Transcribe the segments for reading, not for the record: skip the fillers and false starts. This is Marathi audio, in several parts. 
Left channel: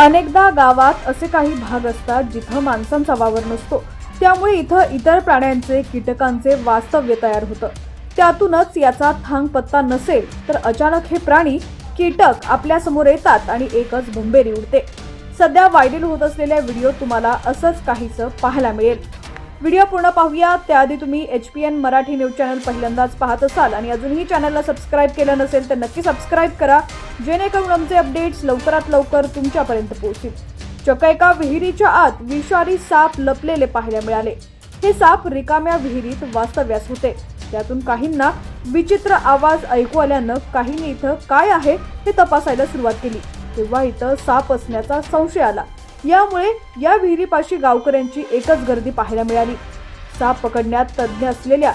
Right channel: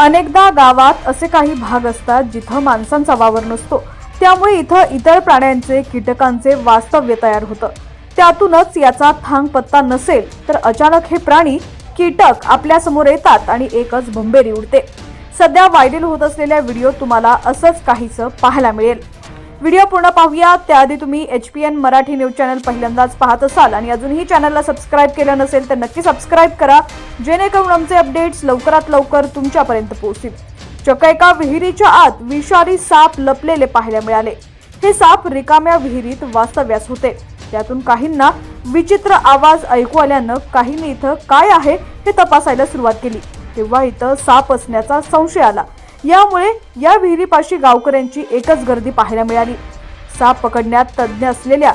अनेकदा गावात असे काही भाग असतात जिथं माणसांचा वावर नसतो, त्यामुळे इथं इतर प्राण्यांचे कीटकांचे वास्तव्य तयार होतं। त्यातूनच याचा थांग पत्ता नसेल तर अचानक हे प्राणी कीटक आपल्या समोर येतात आणि एकच भंबेरी उडते। सध्या व्हायरल होत असलेल्या व्हिडिओ तुम्हाला असंच काहीसं पाहायला मिळेल। व्हिडिओ पूर्ण पाहूया त्याआधी तुम्ही HPN मराठी न्यूज चॅनल पहिल्यांदाच पाहत असाल आणि अजूनही चॅनलला सबस्क्राइब केलं नसेल तर नक्की सबस्क्राइब करा, जेणेकरून आमचे अपडेट्स लवकरात लवकर तुमच्यापर्यंत पोहोचतील। चक्क एका विहिरीच्या आत विषारी साप लपलेले पाहायला मिळाले। हे साप रिकाम्या विहिरीत वास्तव्यास होते। त्यातून काहींना विचित्र आवाज ऐकू आल्यानं काहींनी इथं काय आहे हे तपासायला सुरुवात केली, तेव्हा इथं साप असण्याचा संशय आला। यामुळे या विहिरीपाशी गावकऱ्यांची एकच गर्दी पाहायला मिळाली। साप पकडण्यात तज्ञ असलेल्या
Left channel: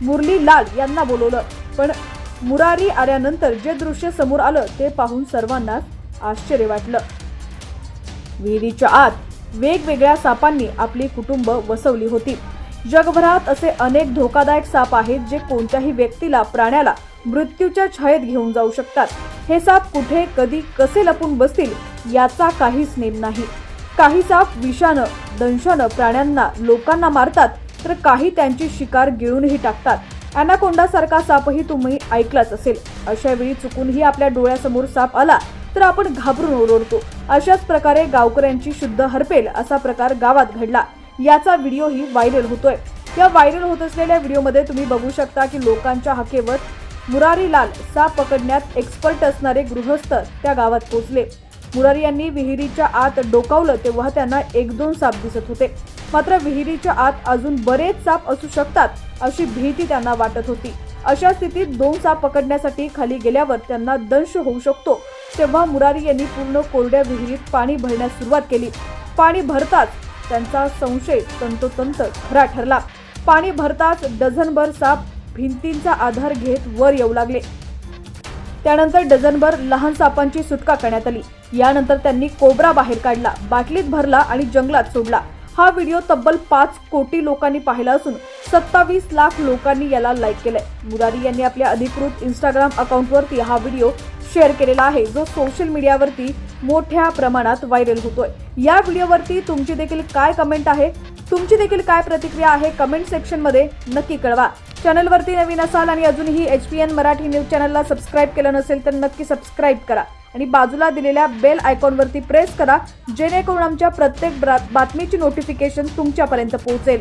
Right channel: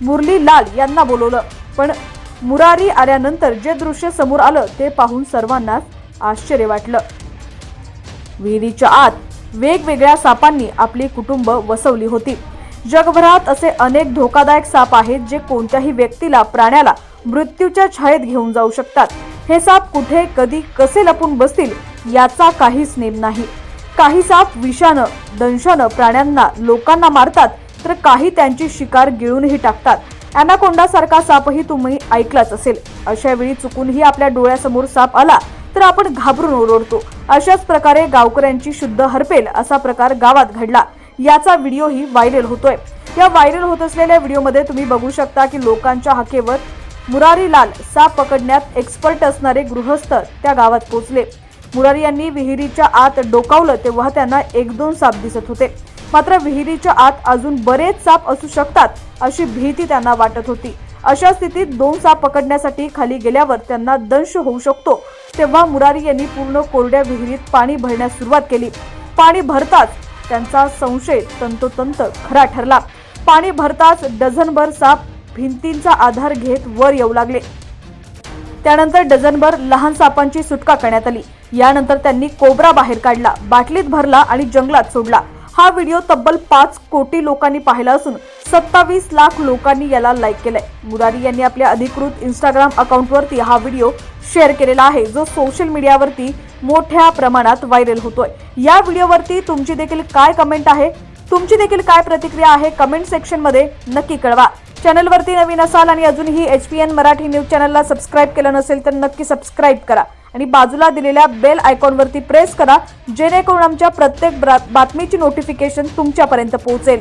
मुरली लाल यांना बोलवलं, पण मुरारी आल्यानंतर जे दृश्य समोर आलं ते पाहून सर्वांनाच आश्चर्य वाटलं। विहिरीच्या आत वेगवेगळ्या सापांनी आपली कुटुंब वसवली होती। जगभरात असे अनेक धोकादायक साप आहेत जे कोणत्याही व्यक्तीला, प्राण्याला मृत्यूच्या छायेत घेऊन जाऊ शकतात। हे साप कुठे, कधी, कसे लपून बसतील याचा काहीच नेम नाही। काही साप विषानं, दंशानं प्राण्यांना, लोकांना मारतात, तर काही त्यांची शिकार गिळूनही टाकतात। अॅनाकोंडा सारखा सापही तुम्ही ऐकलाच असेल। अशा वेळी चुकूनही आपल्या डोळ्यासमोर साप आला तर आपण घाबरून ओरडतो। अशाच प्रकारे गावकऱ्यांची शुद्ध हरपेल असा प्रकार गावात घडला। याचा व्हिडिओही व्हायरल होतोय। या व्हायरल होत असलेल्या व्हिडिओमध्ये तुम्ही बघू शकता की लोकांच्या हाकेवर मुरारी लाल साप पकडण्यात एक्सपर्ट असणारे गृहस्थ त्या गावात पोहोचले। मुरारी यांनी विहिरीच्या आत डोकावलं तेव्हा त्यांना 1-2 साप दिसत होते, मात्र विहिरीच्या आत अजून बरेच साप असू शकतात अशी भीती त्यांना वाटत होती। अशा स्थितीत 2 साप पकडण्यासाठी खाली गेल्यावर त्यांना दंश होऊ शकतो, तेव्हा मुरारी यांनी पूर्ण कोरड्या विहिरीत पाणी भरण्यास सुरुवात केली। पाणी भरताच त्यांचा संशय तंतोतंत खरा ठरला। पाणी भरताच डझनभर साप भिंतींचा आधार घेत वर येऊ लागले। त्यानंतर डझनभर लहान सापांची सुटका करण्यात आली। यानंतर त्यांनी कोबरा बाहेर काढला, बाटलीत भरला आणि जंगलात सोडला। हा व्हिडिओ तब्बल 5 कोटी लोकांनी पाहिला असून 27 लाख लोकांनी याला लाईक केलंय। मुरारी यांनी आपल्या अधिकृत इंस्टाग्राम अकाउंटवरती हा व्हिडिओ शेअर केलेला आहे, जो सोशल मीडियावरती मोठ्या प्रमाणात व्हायरल होतोय। या व्हिडिओवरती तुमची देखील काय कमेंट आहे, तुमची देखील काय प्रतिक्रिया आहे, कमेंट सेक्शन मध्ये नक्की कळवा। चॅनलवरती नवीन असाल आणि अजूनही HPN मराठी न्यूज चॅनलला सबस्क्राइब केलं नसेल तर नक्की सबस्क्राइब करा आणि बाजूला दिलेल्या बेल आयकॉनवरती प्रेस करा, जेणेकरून आमच्या प्रत्येक बातमीची नोटिफिकेशन तुमच्यापर्यंत पोहोचेल।